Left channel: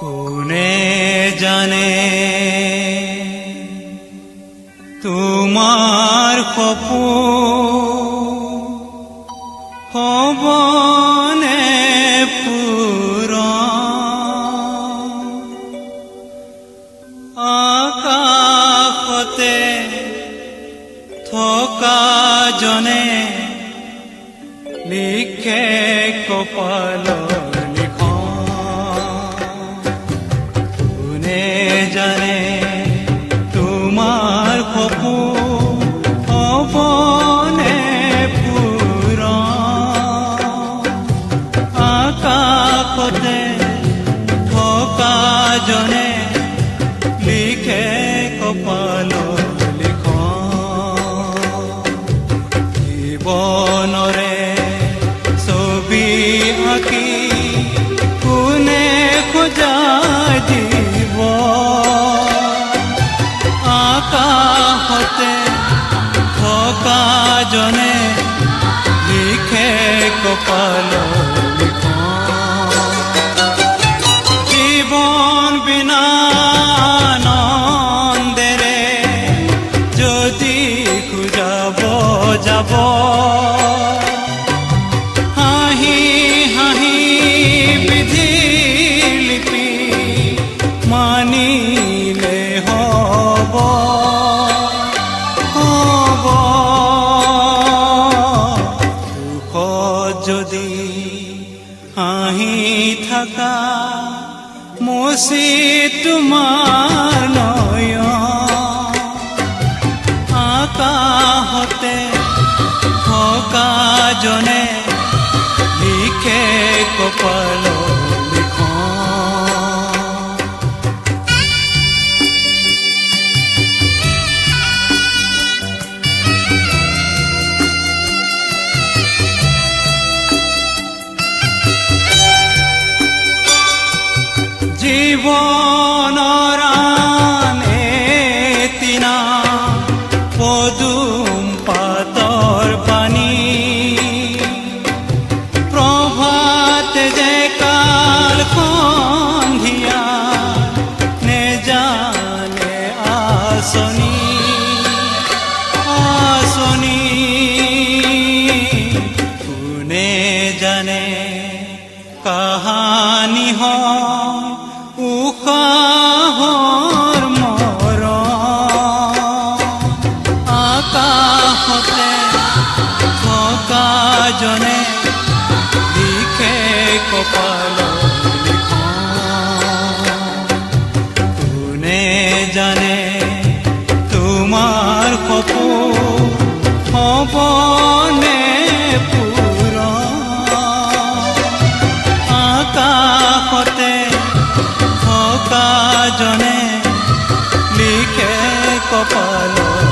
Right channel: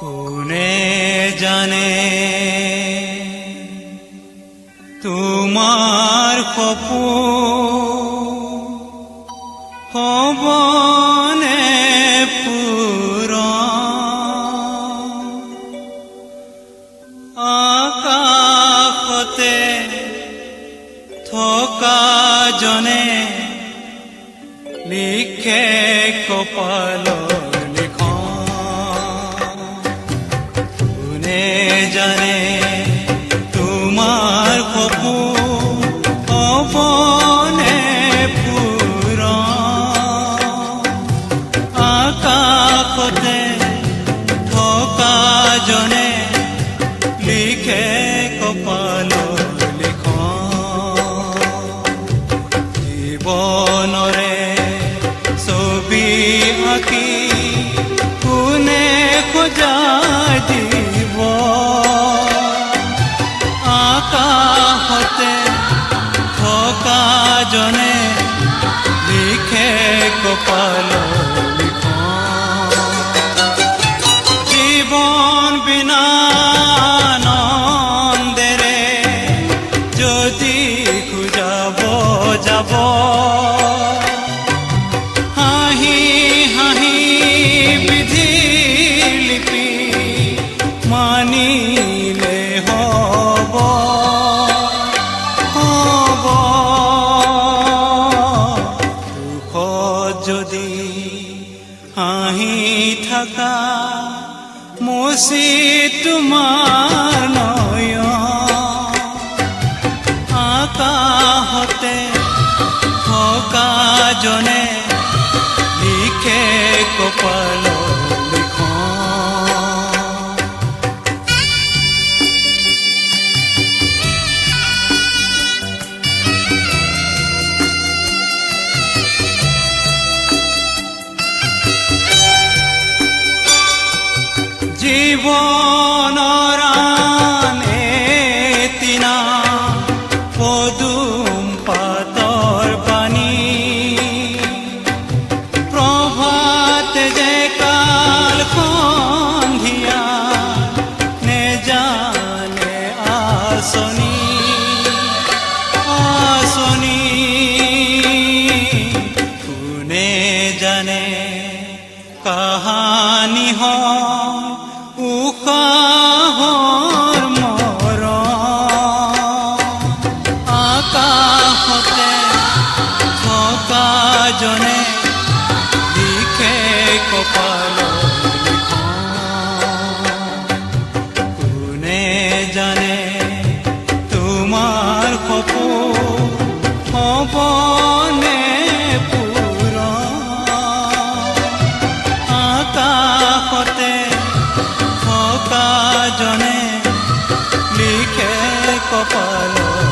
কোনে জানে তোমাৰ সপোন হ'বনে পূৰণ? আকাশতে থকা জনে লিখে কপালৰ লিখন। কোনে জানে তোমাৰ সপোন হ'বনে পূৰণ? আকাশতে থকা জনে লিখে কপালৰ লিখন। জীৱনৰে ছবি আঁকি কোনে সজাই দিব? আকাশতে থকা জনে লিখে কপালৰ লিখন। জীৱন বিনা আনন্দেৰে যদি খুজাব যাব, হাঁহি হাঁহি বিধি লিপি মানিলে হ'ব হ'ব। দুখত যদি হাঁহি থাকা মুচি তোমাৰ নয়ন। আকাশতে থকা জনে লিখে কপালৰ লিখন। জীৱনৰ আন এটিনা পদুম পাতৰ পানী। প্ৰভাতে যে কাল সন্ধিয়া নেজানে আঁচনি আঁচনি। কোনে জানে কাহানি হয় উশাহৰ মৰণ? আকাশতে থকা জনে লিখে কপালৰ লিখন। কোনে জানে তোমাৰ সপোন হ'বনে পূৰণ? আকাশতে থকা জনে লিখে কপালৰ